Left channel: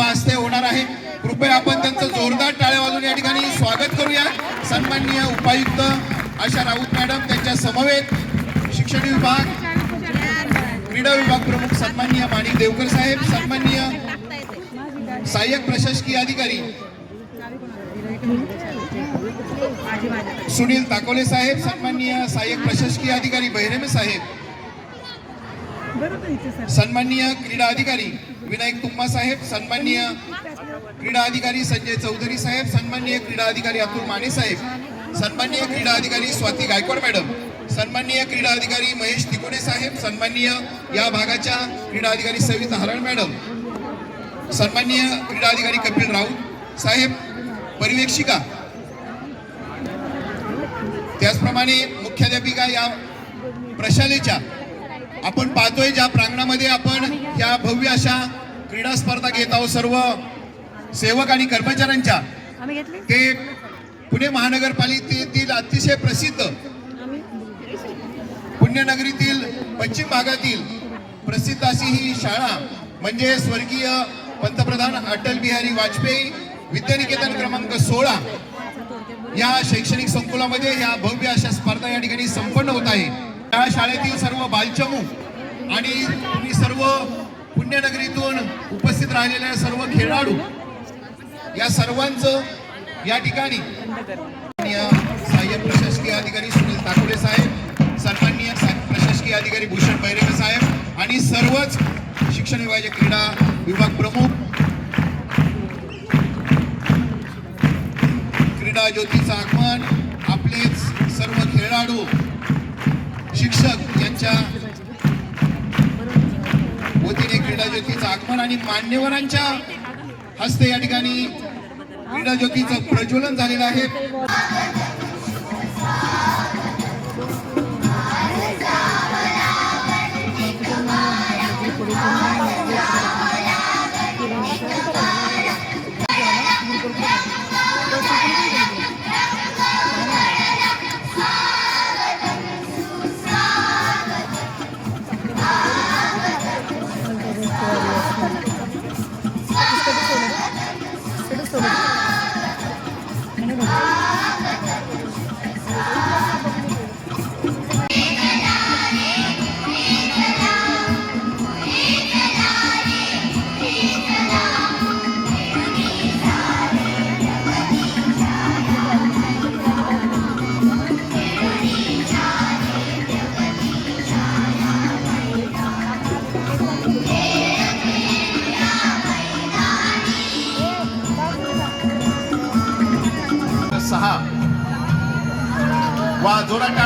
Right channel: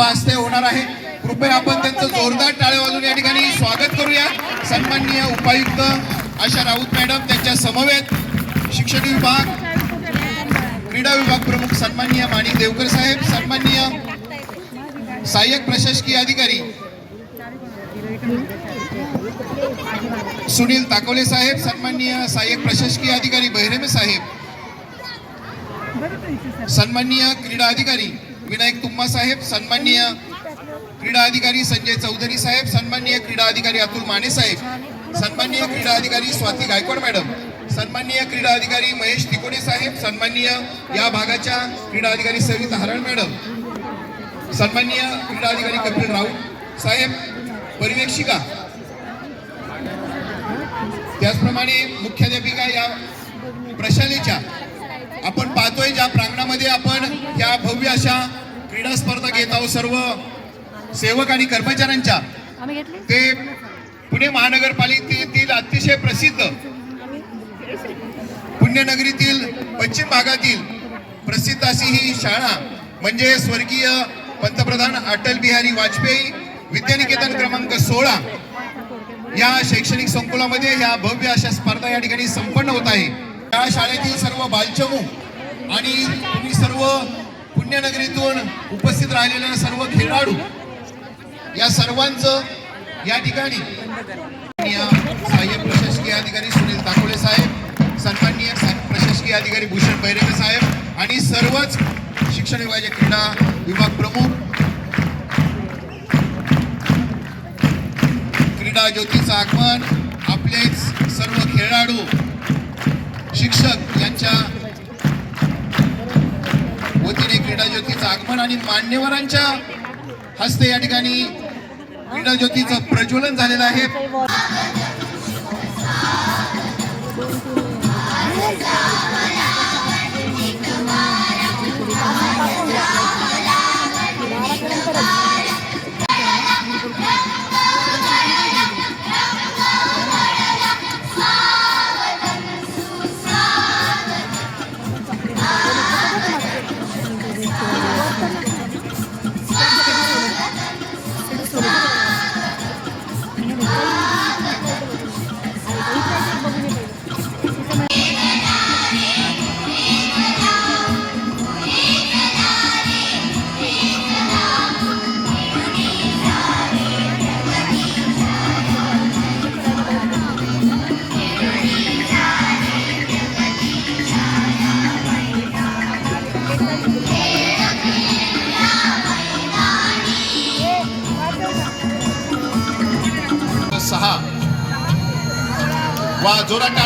हस्ते होणार आहे. कृपया आपण त्यांचं जोरदार टाळे वाजून या ठिकाणी स्वागत करूया सन्माननीय उपायुक्त आशा राऊत मॅडम त्यांच्या समवेत शिक्षण विभाग क्रीडा विभाग प्रमुख सन्माननीय माणिक देवकर साहेब सन्माननीय सहाय्यक प्रशासकीय अधिकारी सुनील ताकोले साहेब सन्माननीय सहाय्यक प्रशासकीय अधिकारी बहिरेमे साहेब सन्माननीय क्रीडा अधिकारी विनायक तुम्मा साहेब सन्माननीय क्रीडा अधिकारी संजय चौधरी साहेब सन्माननीय क्रीडा अधिकारी अतुल माने साहेब सन्माननीय क्रीडा अधिकारी स्वाती गायकवाड मॅडम सन्माननीय क्रीडा अधिकारी महेश तिकोडे साहेब सन्माननीय या भागाच्या क्रीडा अधिकारी सविता हरण मॅडम सन्माननीय क्रीडा अधिकारी कपिल राऊत साहेब पर्यवेक्षिका. त्याचप्रमाणे मुख्याध्यापिका या प्रशालेच्या आपण पाहतोय ज्या प्रांगणामध्ये आपण या भव्य अशा क्रीडा स्पर्धा घेत आहोत सर्व सेवक आणि कर्मचाऱ्यांच्या. ते पुणे महानगरपालिकेतील अतिशय प्रसिद्ध पुण्यनगरीतील पश्चिम भागातील प्रसिद्ध अशी ही शाळा म्हणजे स्वर्गीय पंतप्रधान अटल बिहारी वाजपेयी विद्यानिकेतन क्रमांक सोळा. या शैक्षणिक संकुलामध्ये या भव्य अशा स्पर्धा या ठिकाणी संपन्न होत आहे. या शाळेतील सर्व बालचमू आणि तुम्ही सर्व पुण्यनगरीतून उपस्थित राहिलेले सर्व खेळाडू या सर्वांचं या ठिकाणी सहाय्यक प्रशासकीय अधिकारी सुनील ताकोले साहेब सन्माननीय प्रशासकीय अधिकारी भूषण बैरेगे साहेब आणि सर्वच शिक्षण विभागाचे क्रीडा विभाग प्रमुख क्रीडा ज्योतीचं आगमन आपलेच सर्व खेळाडू शिक्षक यांच्या वतीने क्रीडा ज्योतीचं आगमन आणि मान्यवरांच्या हस्ते या ठिकाणी क्रीडा ज्योतीचं प्रज्वलन झालेलं आहे. वा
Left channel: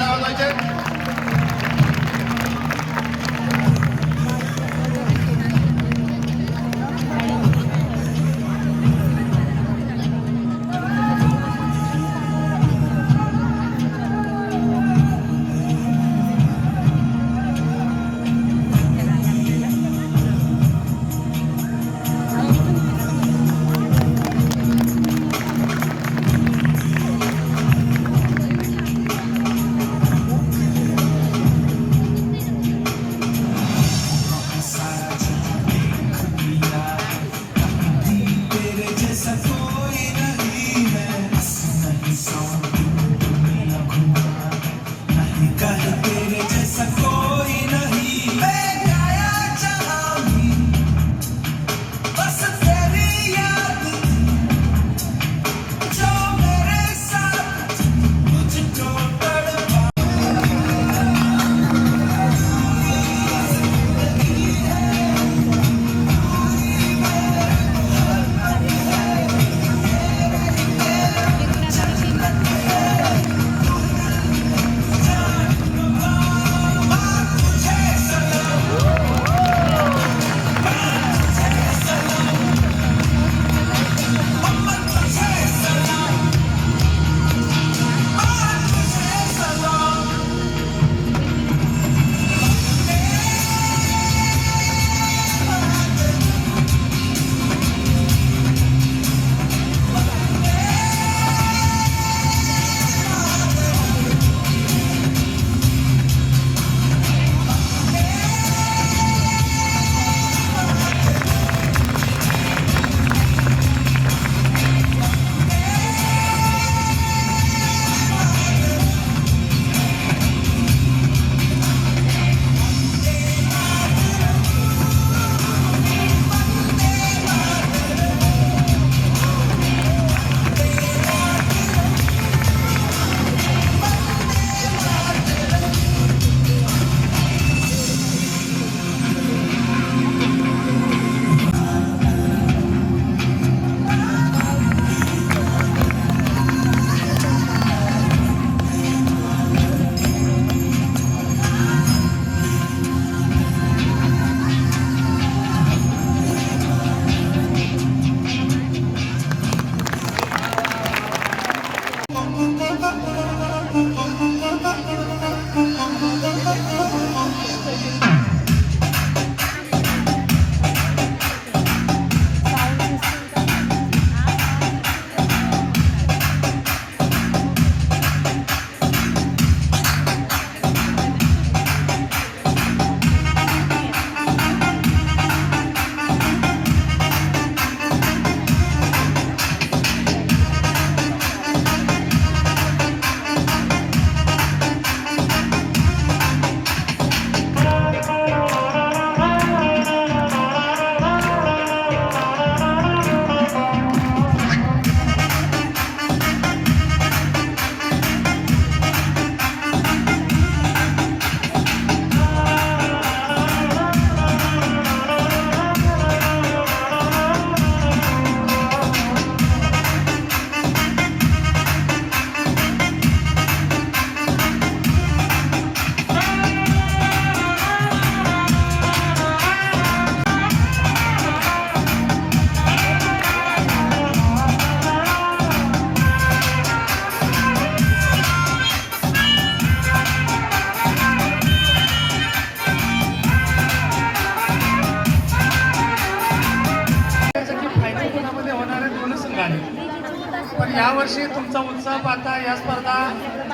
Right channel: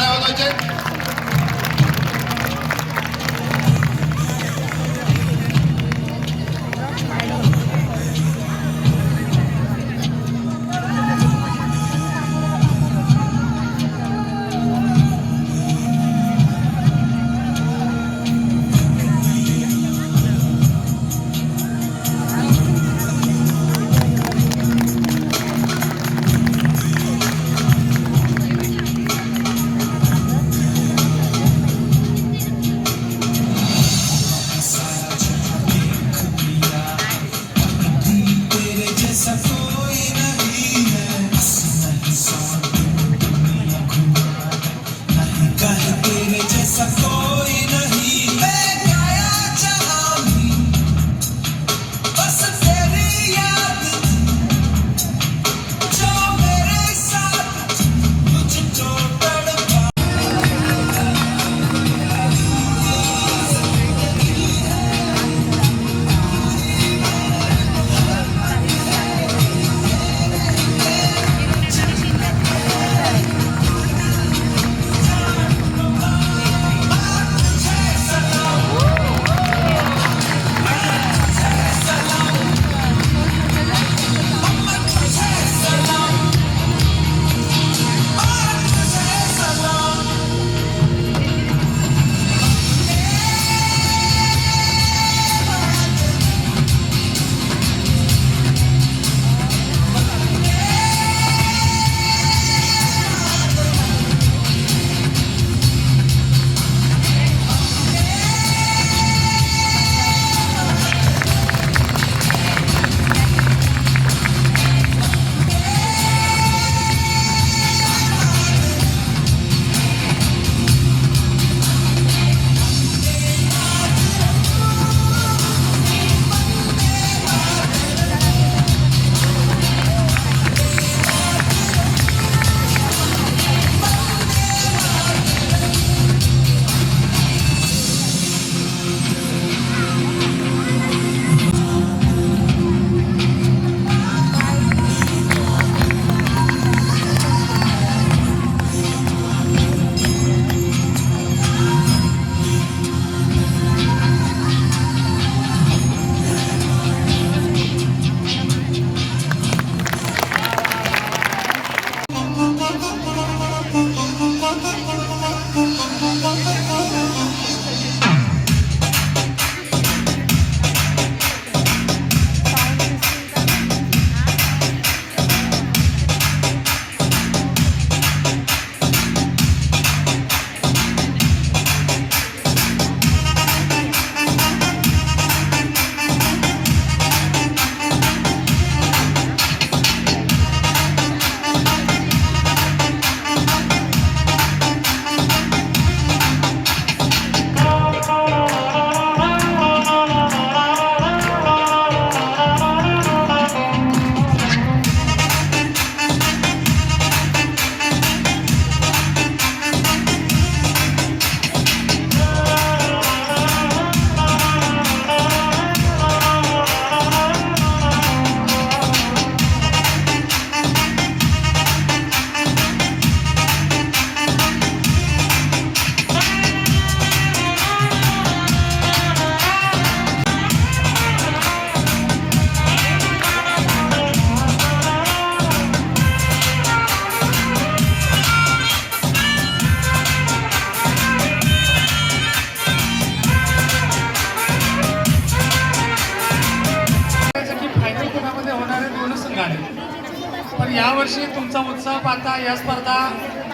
पण यावर्षी तुमचा उत्साह पाहता या स्पर्धा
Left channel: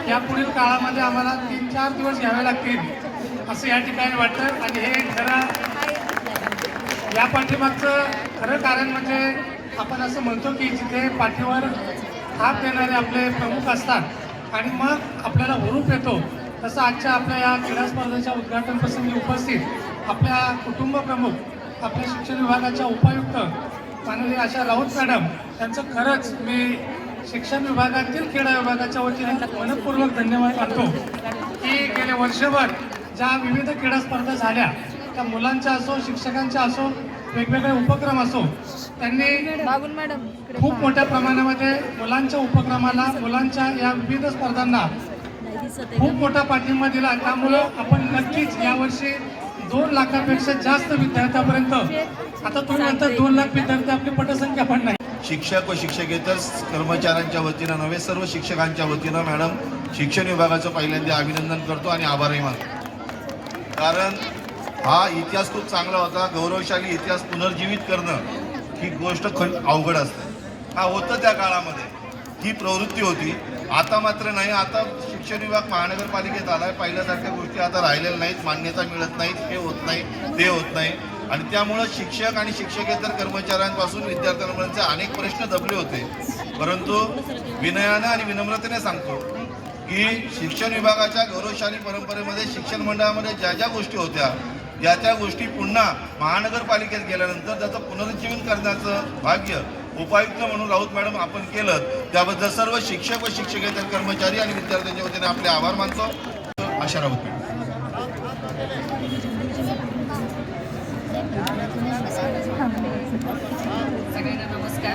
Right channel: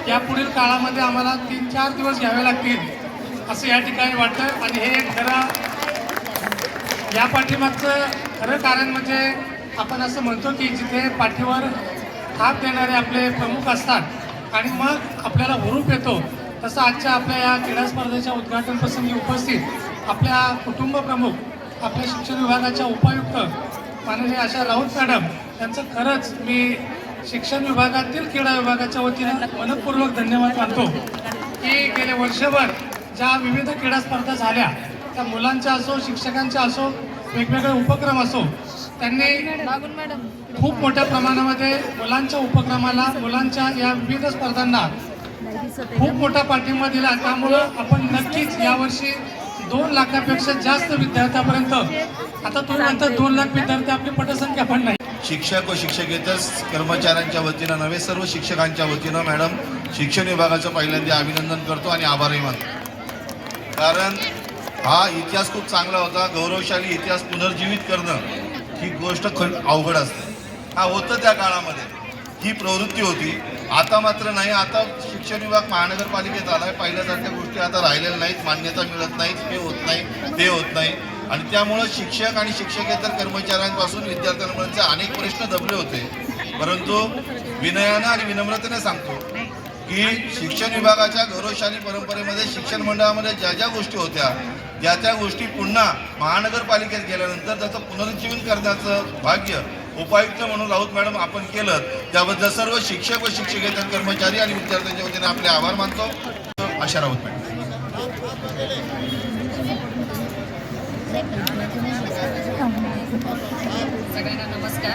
या पुढील काळामध्ये आम्हाला तीन चार दिवस घ्यावे लागतील असं या ठिकाणी वाटतं आणि हे खरं या पाठीमागचं खरं कारण म्हणजे आपण असं म्हणतो की जिथे पाठीवर हात देणारे आपले प्रमुख असतात आणि मग आपल्याला हुरूप येतो तसं आजच्या आपल्या या क्रीडा स्पर्धेच्या उद्घाटन प्रसंगी उपस्थित आपल्या कुटुंब प्रमुख आपल्या शिक्षण विभागाच्या उपायुक्त माननीय अशा राऊत मॅडम त्यांचं खरंच मी शिक्षण विभागातील क्रीडा विभागाच्या वतीने मनपूर्वक धन्यवाद मानतो की गेले वर्षभर ज्या विविध क्रीडा स्पर्धा झाल्या त्या मुलांच्या असो शिक्षकांच्या असो वेगवेगळे उपक्रम असो त्यांनी खूप मोठ्या प्रमाणामध्ये मुलांच्या उपक्रमाला मुलांच्या या विविध स्पर्धांना खूप मोठा पाठिंबा दिला. त्यामुळं आपण नक्कीच यावर्षी दोन लाखापेक्षा जास्त विद्यार्थ्यापर्यंत आता तुम्ही म्हणता दोन लाख विद्यार्थी आपली पटसंख्या पण नाही. शिक्षक व शिक्षकेतर कर्मचाऱ्यांच्या वतीनं नव्हे सर्व शिक्षकांच्या वतीनं मॅडम शिक्षण विभागाचं पहिल्यांदा अभिनंदन करतो आणि आभारही मानतो. कारण हा इतिहास खूप चांगला होता गौरवशाली इतिहास पुनर्जीवित करणं ही गोष्ट खं अवघड असते. हा होतं त्या काळामध्ये. ही प्रवृत्ती होती. आता मात्र नाही आता शिक्षण विभाग महानगरपालिकेत आहे पहिल्यासारख्या गोष्टी आता राहिलेल्या नाहीत मान्यता मिळत नाहीत हे होत नाही ते होत नाही. आणि त्यामुळं शिक्षक आणि शिक्षकेतर कर्मचाऱ्यांपासून विद्यार्थ्यांपर्यंतचे अनेक प्रश्न दबले होते. परंतु विनयानं आणि विनम्रतेने सांगतो की शिक्षण विभागाच्या गौरवशाली परंपरेमध्ये शिक्षण मंडळामध्ये ज्या ज्या गोष्टी होत्या त्या त्या गोष्टी पुन्हा महानगरपालिकेत गेल्यानंतर त्याचं पुनरुज्जीवन करण्याचं भाग्य उपायुक्त म्हणून राऊत मॅडम आपण केलं त्याबद्दल सर्व शिक्षक व शिक्षकेतर कर्मचारी आणि विद्यार्थ्यांच्या वतीने आपले आभार मानतो. आशा राऊत मॅडम सगळ्यांना नमस्कार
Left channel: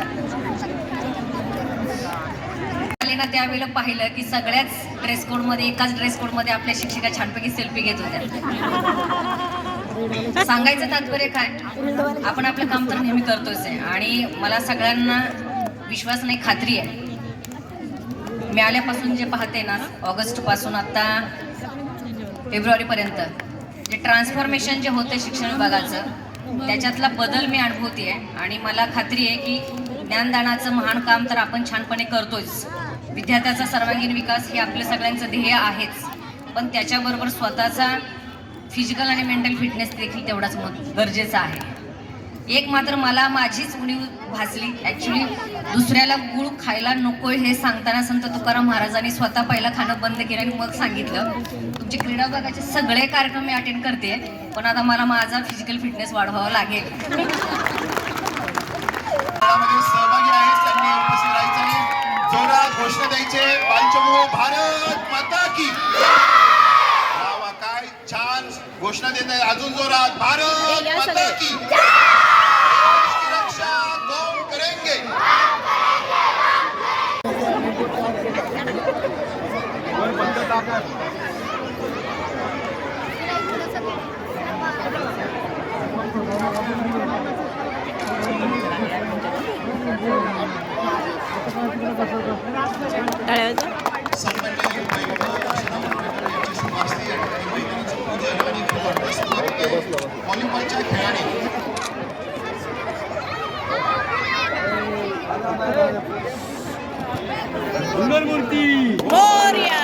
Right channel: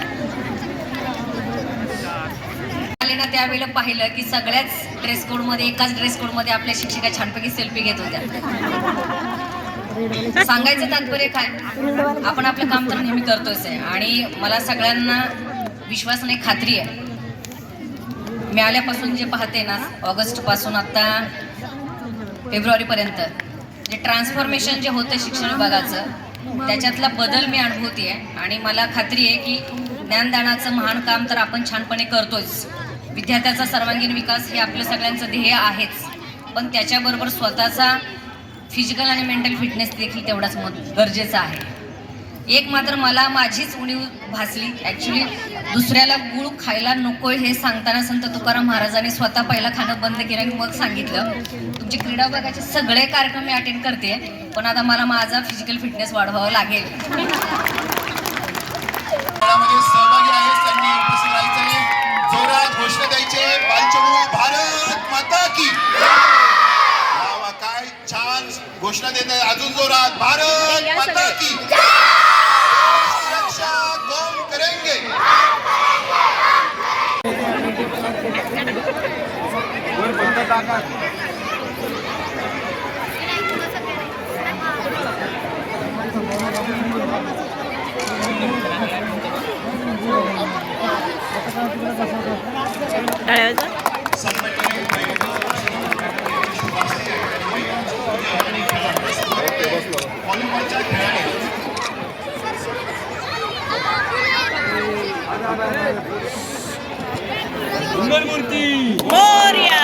आले ना त्यावेळेला पाहिलं की सगळ्याच ड्रेस कोडमध्ये एकाच ड्रेस कोडमध्ये आपल्या शिक्षिका छानपैकी सेल्फी घेत होत्या. सांगायचं तात्पर्य काय? आपण आपलं काम तर नेहमी करतोच आहे. आणि मला सगळ्यांना विश्वास नाही खात्री आहे. मी आल्यापासून जे पाहते ना ऑगस्टपासून आत्ता फेब्रुवारीपर्यंत जे ट्रान्सफॉर्मेशन जे होतं शिक्षण विभागाचं त्याच्यातला बदल मी अनुभवते आहे आणि मला खात्री आहे की ज्ञानदानाचं महान काम तर आपण छानपणे करतोच. विद्यार्थ्याचा सर्वांगीण विकास हे आपलं सगळ्यांचं ध्येय आहेच. पण त्याच्याबरोबर स्वतःचा फिजिकल आणि मेंटल फिटनेस देखील तेवढाच मत गरजेचा आहे. एक मात्र मला माझीच उणीव भासली. ॲक्च्युली दुसऱ्याला गुळ खायला नको हे सांगताना संत तुकाराम महाराजांनी स्वतः पहिला खाणं बंद केलं आणि मग सांगितलं तुमचे क्रीडा विभागाचे सगळे कार्यक्रम मी अटेंड करते पण आता मला माझा फिजिकल फिटनेस वाढवावा लागेल. सहभागी आहेत जोरात घोषणा द्यायचे पालचमुळे भारत माता की वा वा, काय छान घोषणा देत आहे अजून जोरात भारत माता की सुरक्षा कौन करेंगे टाळ्याचा व्हॉलीबॉलच्या खेळाने मोर्या.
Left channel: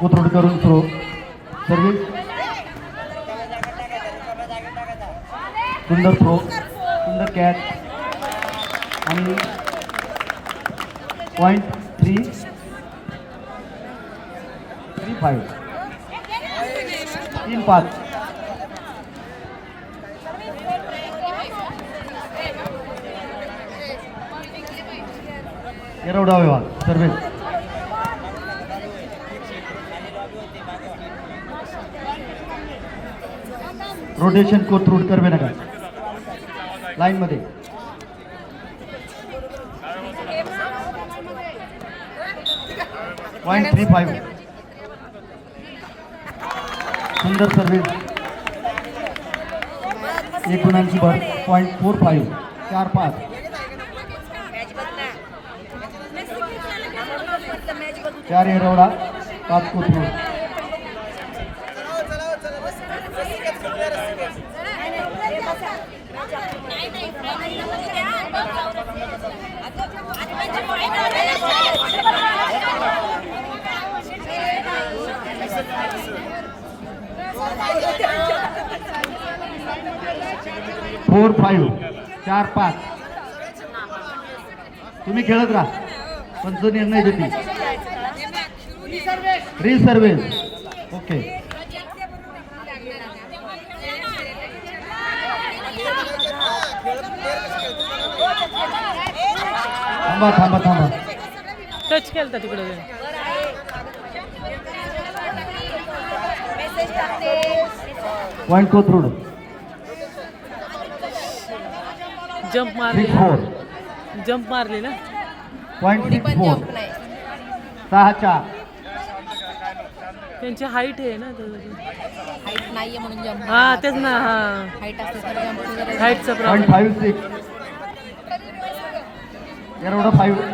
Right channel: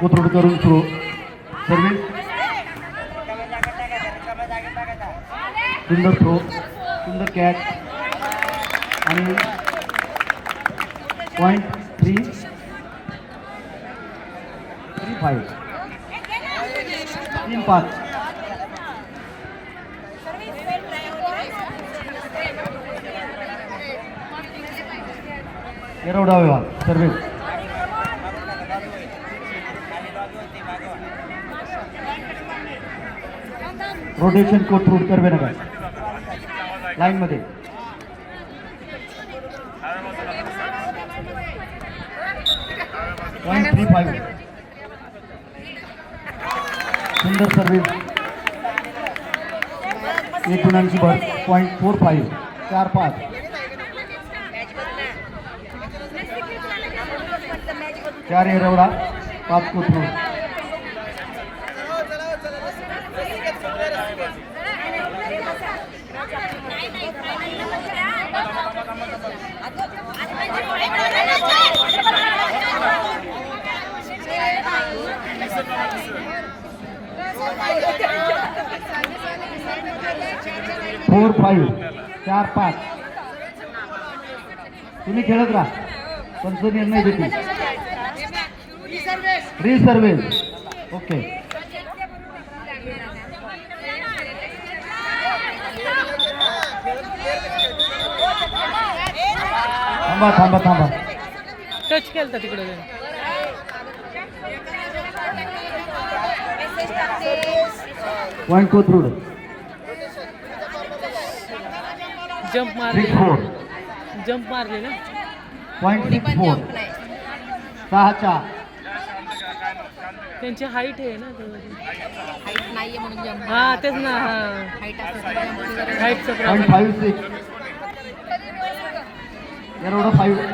कोथरूड करून सुरू. सर्विस सुंदर थ्रो सुंदर catch point three three five तीन पाच. विभाग service rotation Kothrud Karve Nagar line मध्ये. पॉईंट थ्री फाईव्ह सुंदर सर्विस एक गुणांची भर पॉईंट फोर फाईव्ह चार पाच. चार एरवडा. पाच कोथरूड फोर फाईव्ह चार पाच. तुम्ही खेळत राहा. पंच निर्णय देतील. रिसर्वेस ओके थांबा थांबा थांबा. टच केलं तिकडे पॉईंट कोथरूड जम्प मारली सिक्स फोर जम्प मारली ना? पॉईंट सिक्स फोर सहा चार त्यांची हाईट आहे ना हा तेच ना हा. हाईटचा point problem five six Yerawada five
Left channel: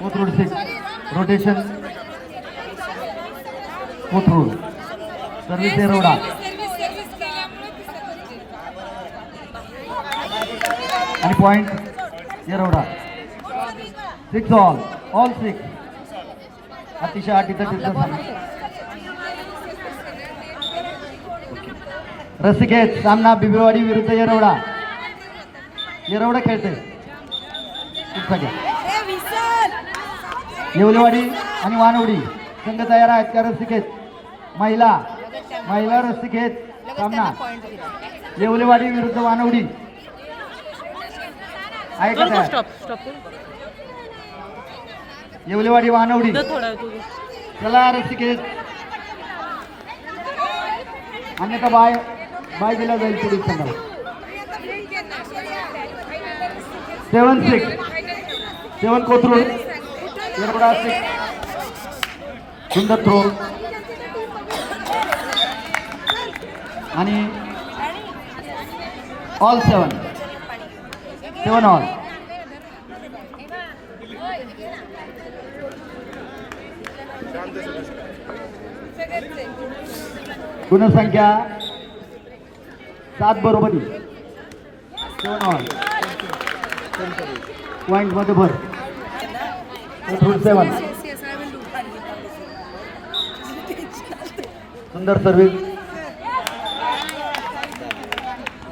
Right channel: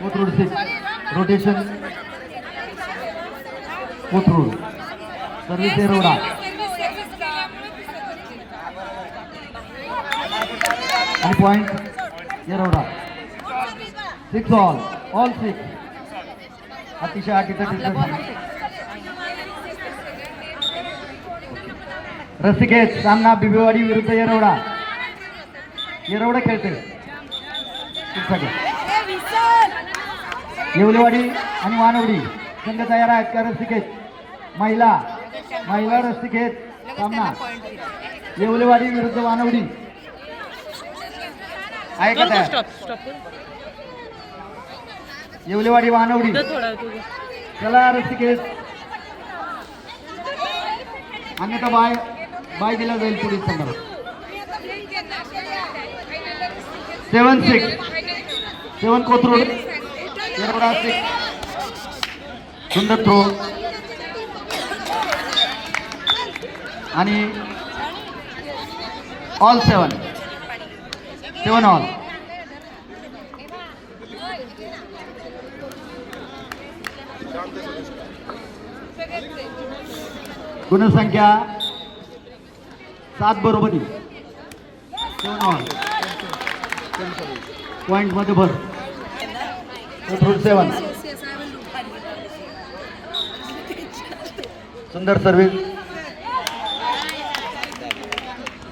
Kothrud six rotation Kothrud service Yerawada आणि point Yerawada six all all six अतिशय अटीचा डिस्टन्स रसिकेत सामना बिबेवाडी विरुद्ध येरवडा. येरवडा खेळते घ्या. येवलेवाडी आणि वानवडी. संघ तयार आहेत त्या रस्तिकेत महिला. महिला रस्तिकेत सामना. येवलेवाडी विरुद्ध वानवडी. आहे का कर तयार? Stop stop Yewalewadi Wanowrie. थोडा तुझे चला रस्तिकेत अन्यथा बाय बाय दिला जाईल पुढील संघाला. Seven six. Seven Kothrud. Yerawada six. सुंदर थ्रो आणि ऑल सेवन सेवन ऑल गुणसंख्या सात बरोबरी. सेवन ऑल पॉइंटमध्ये भर. कोथरूड सेवन सुंदर सर्विस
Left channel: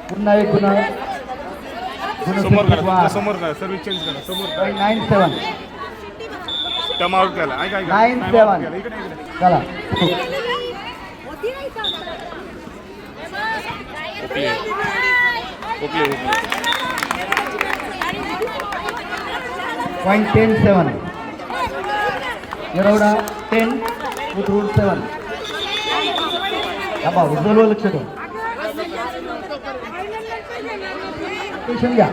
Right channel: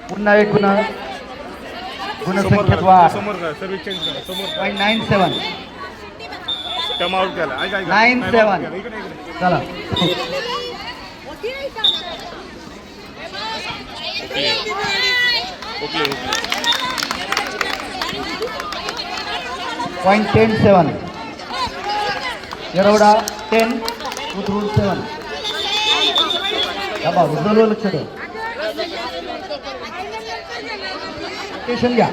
पुन्हा एक पुन्हा. गुणसंख्येत वाढ point nine seven nine seven चला. Point ten seven Yerawada ten Kothrud seven हा भाऊ उजवलं लक्ष ठेव स्टेशन घ्या.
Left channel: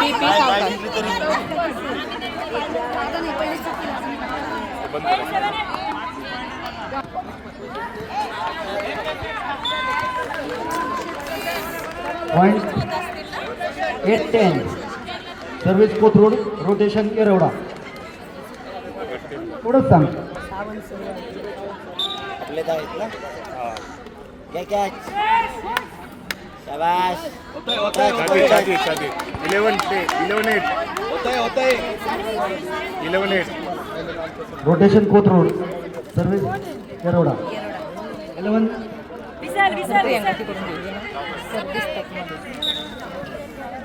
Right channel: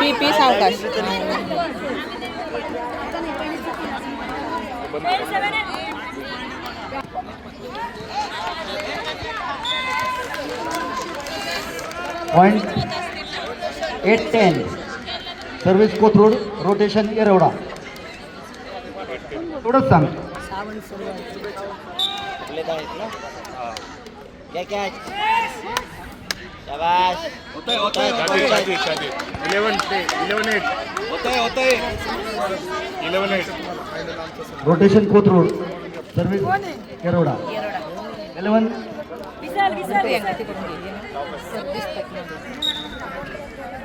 पी पी सावकाश point eight ten service Kothrud rotation Yerawada. थोडंच सांग. Rotation Kothrud service Yerawada. Eleven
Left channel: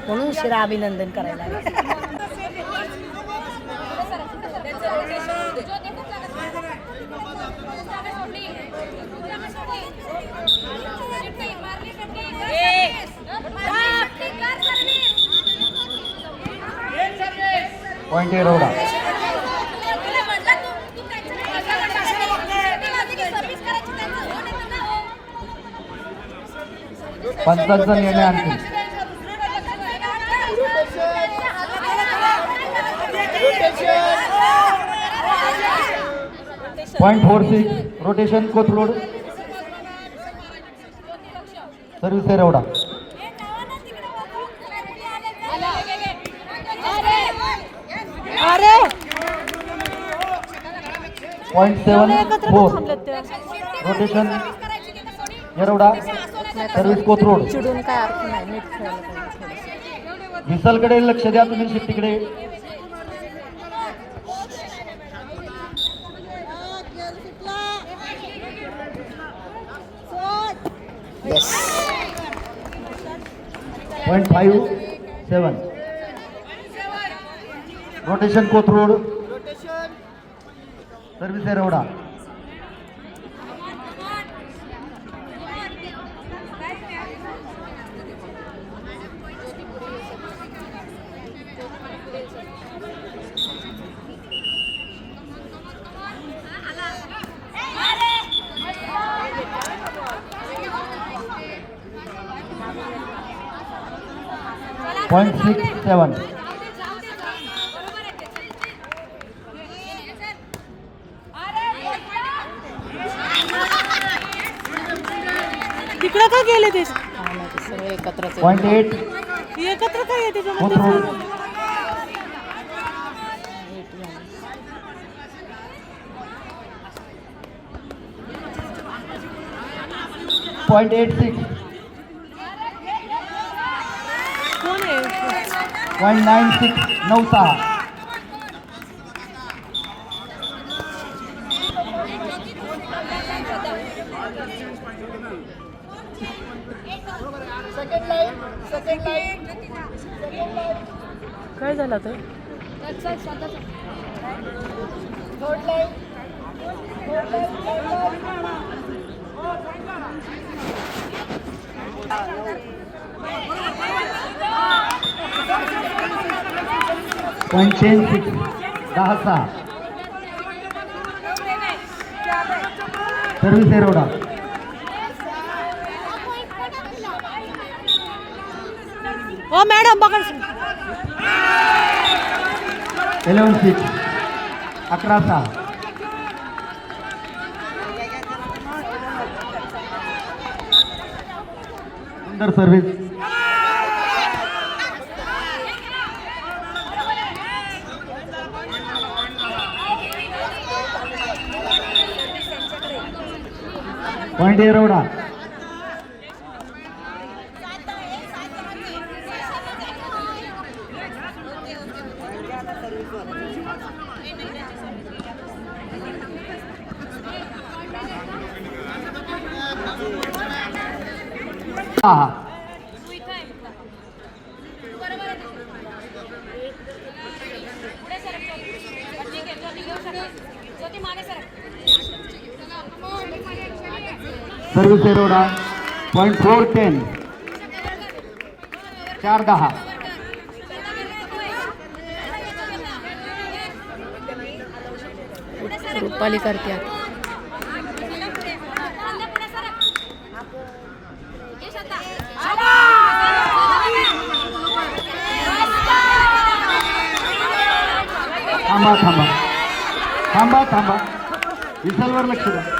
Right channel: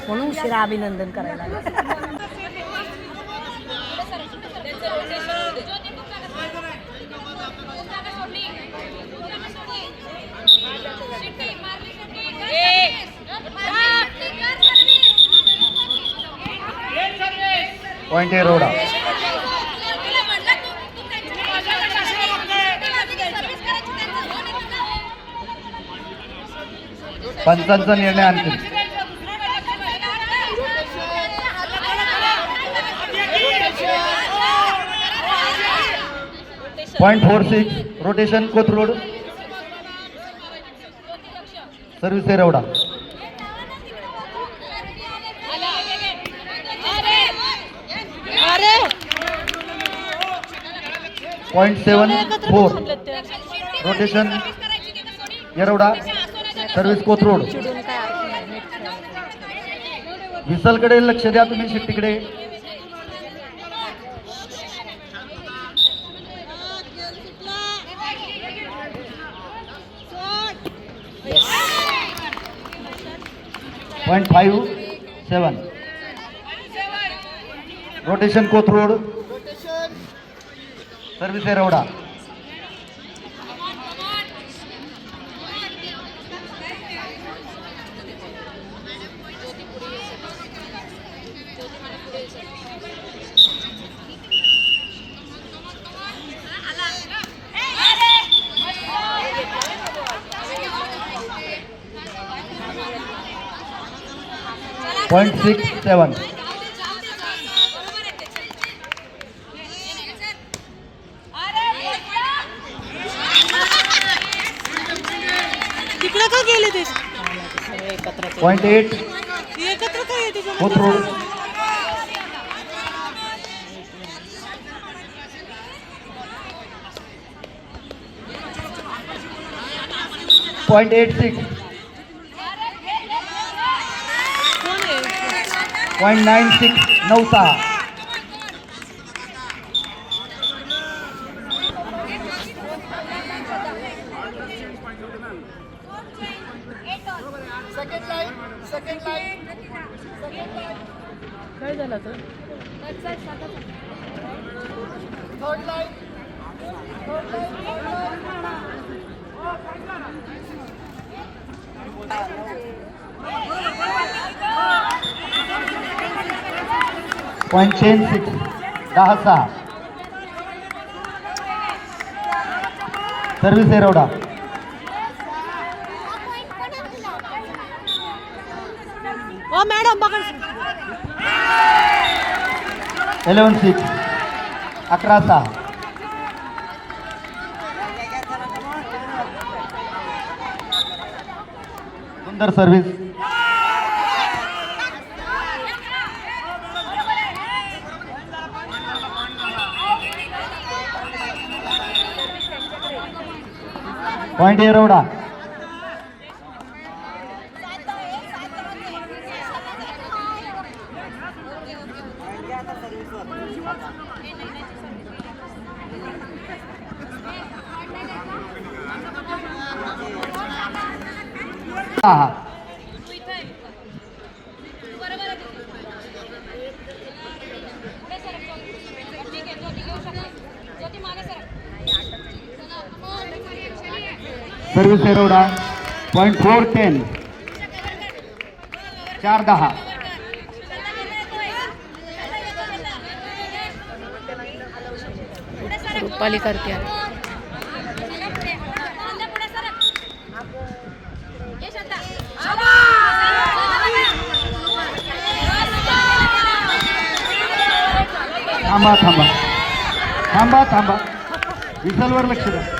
म्हणून उशिरा अभिनंदन करायला लागलं. पॉईंट पंचांचा निर्णय आणखी point four six rotation Kothrud service Yerawada point seven four rotation Yerawada service Kothrud विसलकडे लक्ष द्या तुम्ही शिट्टीकडे point five seven rotation Kothrud service Yerawada point six seven तिकडं का गेले ते? पॉईंट एट एकत्र Kothrud point eight six 0.96 Nauta. काय झालं ते सिक्स दहा सहा सर्व्हिस एरोडा ओ मॅडम इलेवन सिक्स अकरा सहा सुंदर सर्व्हिस. पॉइंट एरोडा हा service Yerawada point four ten चार दहा रुपाली करते थांबा थांबा थांबा थांबा विसलवर लक्ष द्या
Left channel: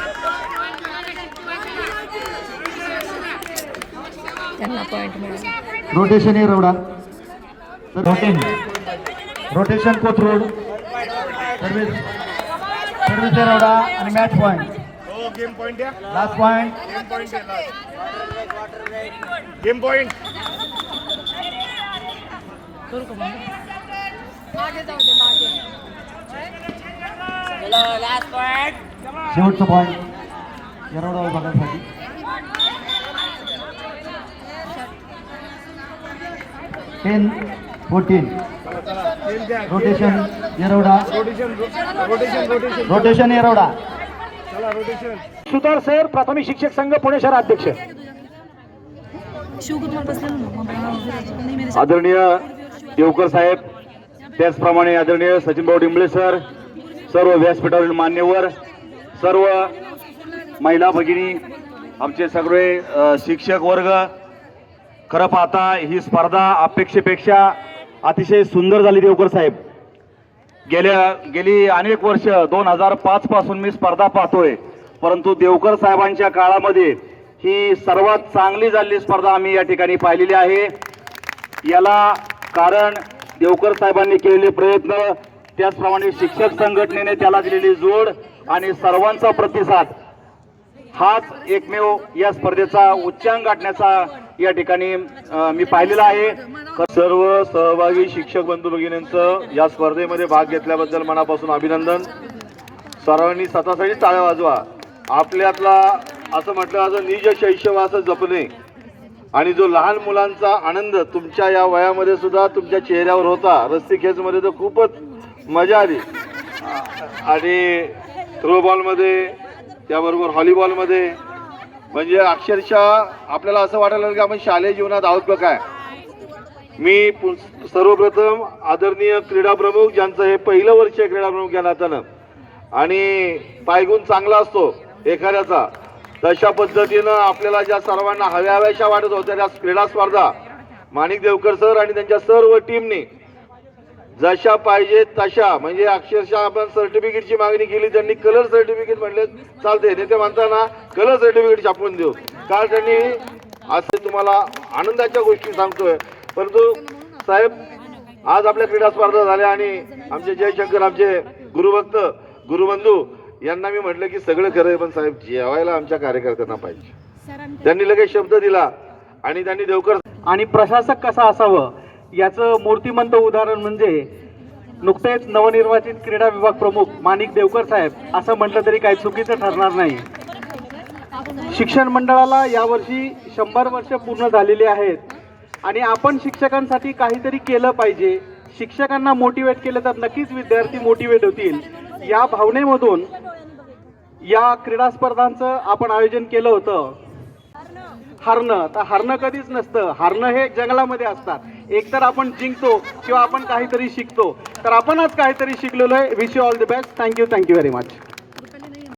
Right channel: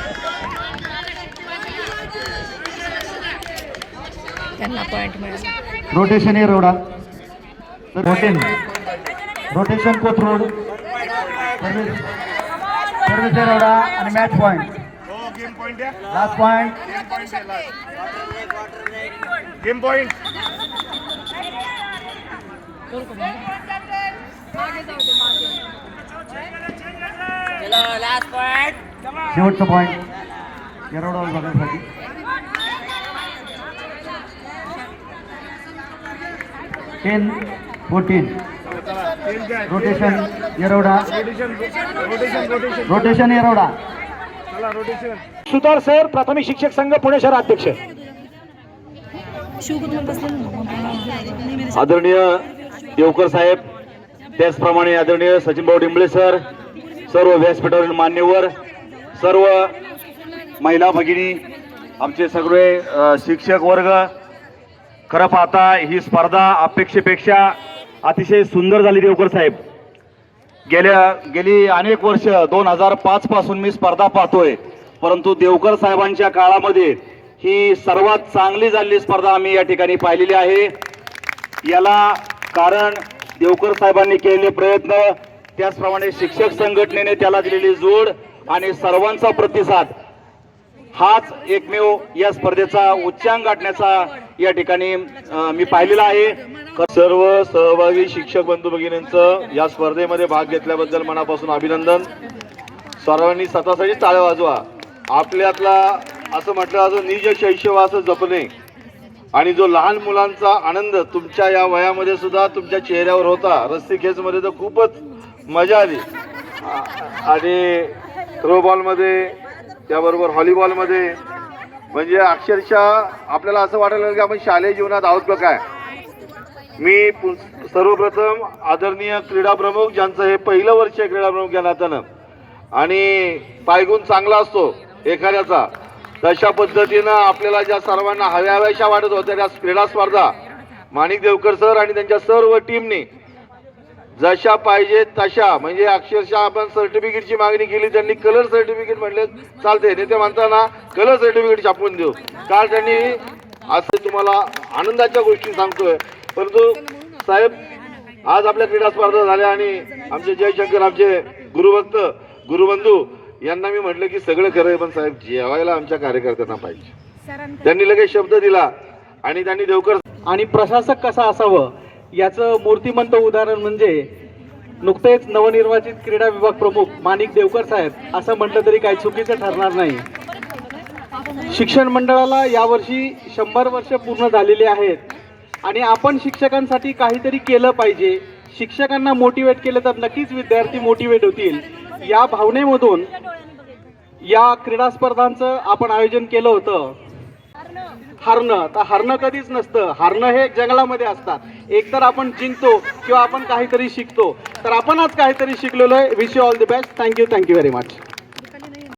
त्यांना पॉइंट मिळाला. Rotation Yerawada rotten rotation Kothrud. Service service Yerawada आणि match point last point game बंद? शेवटचं पॉईंट एरोडा विभागासाठी ten fourteen rotation Yerawada rotation rotation rotation rotation Yerawada चला रोटेशन सुतार सर प्राथमिक शिक्षक संघ पुणे शहर अध्यक्ष. आदरणीय देवकर साहेब त्याचप्रमाणे आदरणीय सचिनभाऊ डिंबळे सर सर्व व्यासपीठावरील मान्यवर सर्व महिला भगिनी आमचे सगळे शिक्षक वर्ग खरं पाहता ही स्पर्धा अपेक्षेपेक्षा अतिशय सुंदर झाली देवकर साहेब. गेल्या गेली अनेक वर्ष दोन हजार पाच पासून मी स्पर्धा पाहतोय. परंतु देवकर साहेबांच्या काळामध्ये ही सर्वात चांगली झालेली स्पर्धा आम्ही या ठिकाणी पाहिलेली आहे. याला कारण देवकर साहेबांनी केलेले प्रयत्न त्याचप्रमाणे शिक्षक संघटनेने त्याला दिलेली जोड आणि सर्वांचा प्रतिसाद हाच एकमेव या स्पर्धेचा उच्चांक गाठण्याचा या ठिकाणी मी पाहिलेला आहे. सर्व सहभागी शिक्षक बंधू भगिनींचं या स्पर्धेमध्ये भाग घेतल्याबद्दल मनापासून अभिनंदन. सर्वांनी स्वतःसाठी टाळ्या वाजवा. आपल्यातला असं म्हटलं जातं निज शैशव असं जपणे. आणि जो लहान मुलांचा आनंद तुमच्या या वयामध्ये सुद्धा तुमच्या चेहऱ्यावर होता रस्सी खेचमध्ये तर खूपच मजा आली. आणि थ्रोबॉलमध्ये त्याबरोबर व्हॉलीबॉलमध्ये म्हणजे अक्षरशः आपल्याला असं वाटायला लागलं की आपण शालेय जीवनात आहोत का काय? मी पु- सर्वप्रथम आदरणीय क्रीडा प्रमुख ज्यांचं हे पहिलं वर्ष आहे क्रीडा प्रमुख या नात्यानं आणि पायगुण चांगला असतो एखाद्याचा तशा पद्धतीनं आपल्याला ज्या सर्वांना हव्या हव्याशा वाटत होत्या त्या क्रीडा स्पर्धा माणिक देवकर सर आणि त्यांच्या सर्व टीमने जशा पाहिजे तशा. म्हणजे अक्षरशः आपण सर्टिफिकेटची मागणी केली त्यांनी कलर सर्टिफिकेट म्हटले चालते नेते म्हणताना कलर सर्टिफिकेट छापून देऊ. काल त्यांनी असं तुम्हाला आनंदाच्या गोष्टी सांगतोय. परंतु साहेब आज आपल्या क्रीडा स्पर्धा झाल्या आणि आमचे जयशंकर आमचे गुरुभक्त गुरुबंधू यांना मी म्हटलं की सगळं खरं आहे पण साहेब जेवायला आमच्या कार्यकर्त्यांना पाहिजे. त्यांनी लगेच शब्द दिला आणि त्यांनी देवकर आणि प्रशासक कसा असावं? याचं मूर्तिमंत उदाहरण म्हणजे नुकतेच नवनिर्वाचित क्रीडा विभाग प्रमुख माणिक देवकर साहेब असं म्हटलं तरी काही चुकीचं ठरणार नाही. शिक्षण मंडळाला यावर्षी शंभर वर्ष पूर्ण झालेली आहेत आणि आपण शिक्षकांसाठी काहीतरी केलं पाहिजे. शिक्षकांना मोटिवेट केलं तर नक्कीच विद्यार्थी मोटिवेट होतील. या भावनेमधून या क्रीडा स्पर्धांचं आपण आयोजन केलं होतं. हारणं. तर हारणं कधीच नसतं. हारणं हे जंगलामध्ये असतात. एकतर आपण जिंकतो किंवा आपण काहीतरी शिकतो. तर आपण आज काहीतरी शिकलेलो आहे. Wish you all the best thank you thank you very much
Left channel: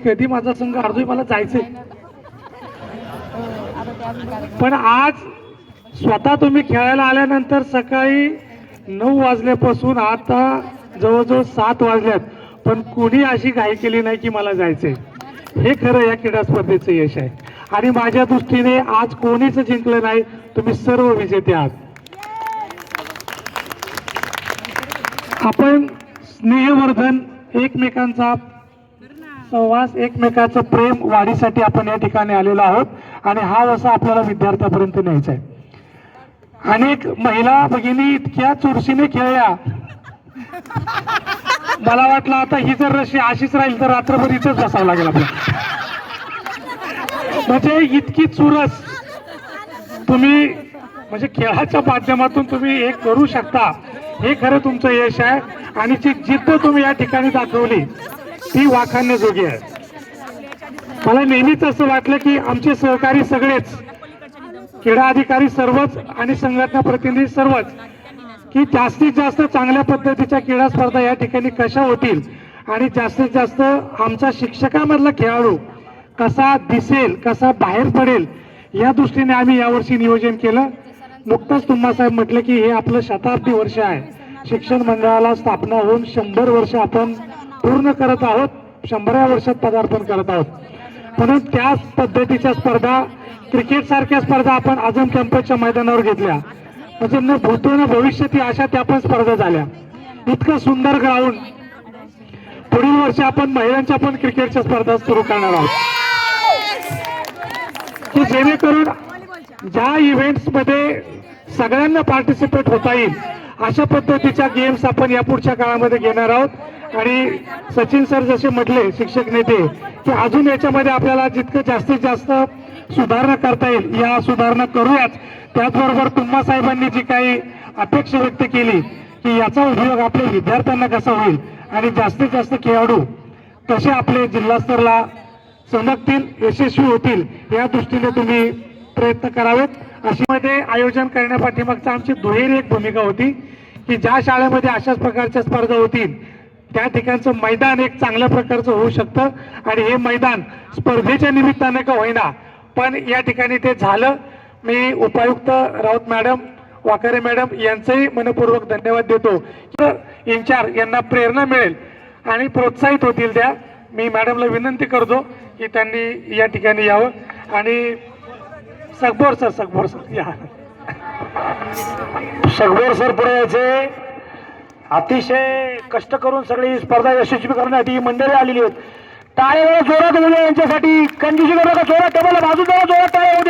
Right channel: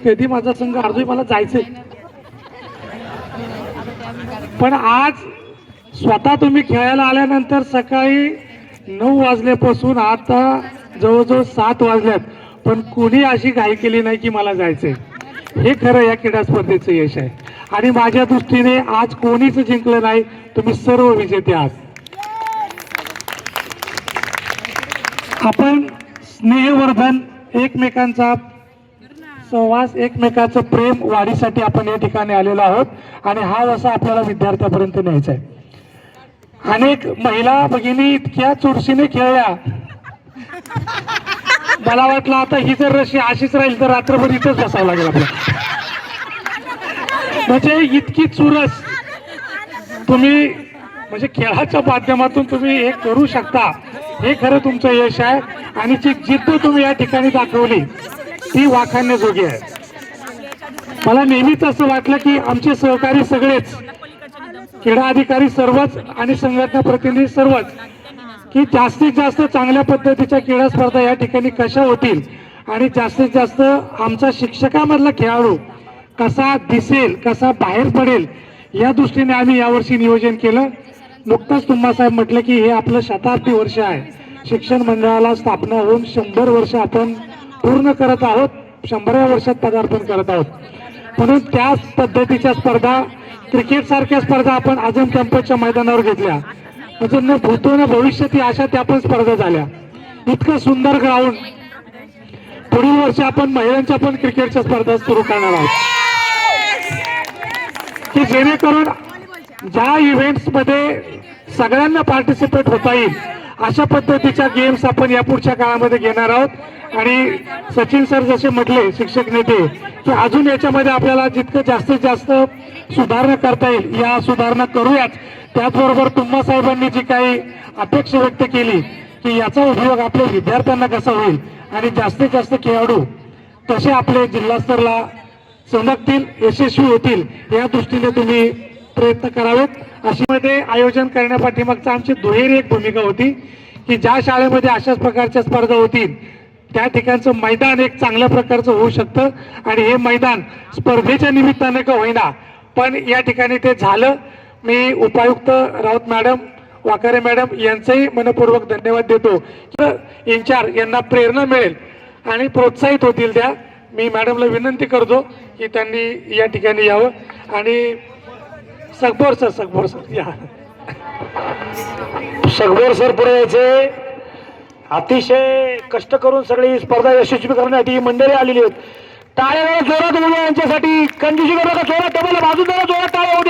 कधी माझा संघ अर्धोय मला जायचंय? पण आज स्वतः तुम्ही खेळायला आल्यानंतर सकाळी नऊ वाजल्यापासून आता जवळजवळ सात वाजल्यात. पण कोणी अशी घाई केली नाही की मला जायचंय? हे खरं या क्रीडा स्पर्धेचं यश आहे. आणि माझ्या दृष्टीने आज कोणीच जिंकलं नाही तुम्ही सर्व विजेते आहात. आपण स्नेहवर्धन एकमेकांचा सहवास एकमेकाचं प्रेम वाढीसाठी आपण या ठिकाणी आलेलो आहोत आणि हा वसा आपल्याला विद्यार्थ्यापर्यंत न्यायचा आहे. अनेक महिला भगिनी इतक्या चुरशीने खेळल्या. मला वाटलं आता ही जर रशी अशीच राहील तर रात्रभर इथंच बसावं लागेल आपल्याला. म्हणजे इतकी चुरस. तुम्ही म्हणजे खेळाच्या माध्यमातून तुम्ही हे करू शकता. हे खरं तुमचं यश आहे. आणि जी जिद्द तुम्ही या ठिकाणी दाखवली ती वाखाणण्याजोगी आहे. मला नेहमीच असं वाटलं की आमचे सहकारी सगळेच क्रीडा अधिकारी सर्वच आणि संघटना प्रतिनिधी सर्वच की जास्तीत जास्त चांगल्या पद्धतीच्या क्रीडा स्पर्धा या ठिकाणी कशा होतील? आणि जास्तीत जास्त आमचा शिक्षकामधला खेळाडू कसा दिसेल कसा बाहेर पडेल या दृष्टीने आम्ही यावर्षी नियोजन केलं. नुकतंच तुम्हासाहेब म्हटलं की हे आपलं शताब्दी वर्ष आहे. शिक्षण मंडळाला स्थापना होऊन शंभर वर्ष आपण पूर्ण करत आहोत शंभराव्या वर्षात पदार्पण करत आहोत. म्हणून त्याच पद्धतीच्या स्पर्धा क्रिकेट सारख्या स्पर्धा आपण अजून कॅम्पसच्या मैदानावर घेतल्या. म्हणजे न भूतो न भविष्यात अशा त्या पण स्पर्धा झाल्या. इतकं सुंदर ग्राउंड पुढील वर्षी आपण महिलांच्या पण क्रिकेटच्या स्पर्धा सुरू करणार आहोत. की जेणेकरून ज्या इव्हेंट्समध्ये सगळ्यांना पार्टिसिपेट होता येईल अशा पद्धतीच्या गेम्स आपण या पुढच्या काळामध्ये घेणार आहोत. आणि सचिन सर जसे म्हटले शिक्षक नेते की अजून याच्यामध्ये आपल्याला जितकं जास्तीत जास्त सुधारणा करता येईल या सुधारणा करूयाच त्याचबरोबर तुम्हा साहेबांनी जी काही अपेक्षा व्यक्त केली की याचा उपयोग आपल्या विद्यार्थ्यांना कसा होईल आणि जास्तीत जास्त खेळाडू कसे आपले जिल्हास्तरला चमकतील यशस्वी होतील या दृष्टीने तुम्ही प्रयत्न करावेत. अशामध्ये आयोजन करण्यापाठीमागचा आमची दुहेरी एक भूमिका होती की ज्या शाळेमध्ये अशाच प्रकारच्या स्पर्धा होतील त्या ठिकाणचं मैदान एक चांगल्या प्रकारचं होऊ शकतं. आणि हे मैदान स्पर्धेच्या निमित्ताने का होईना पण या ठिकाणी ते झालं. मी उपायुक्त राऊत मॅडम वाकारे मॅडम यांचंही मनपूर्वक धन्यवाद देतो. इन्चार्ज यांना प्रेरणा मिळेल आणि प्रोत्साहित होतील त्या. मी मॅडमला विनंती करतो की त्यांनी या ठिकाणी यावं. आणि सगबोर सर सगबोर सर या. सगळं सर पुढे यायचे. अतिशय कष्ट करून सगळी स्पर्धा यशस्वी करण्यासाठी ही मंडळी आलेली आहेत. टाळे जोरात होऊ द्या यांच्यासाठी. कंडिशन करू नका जोरात टेबल बाजू जरा जोरात टाळे होऊ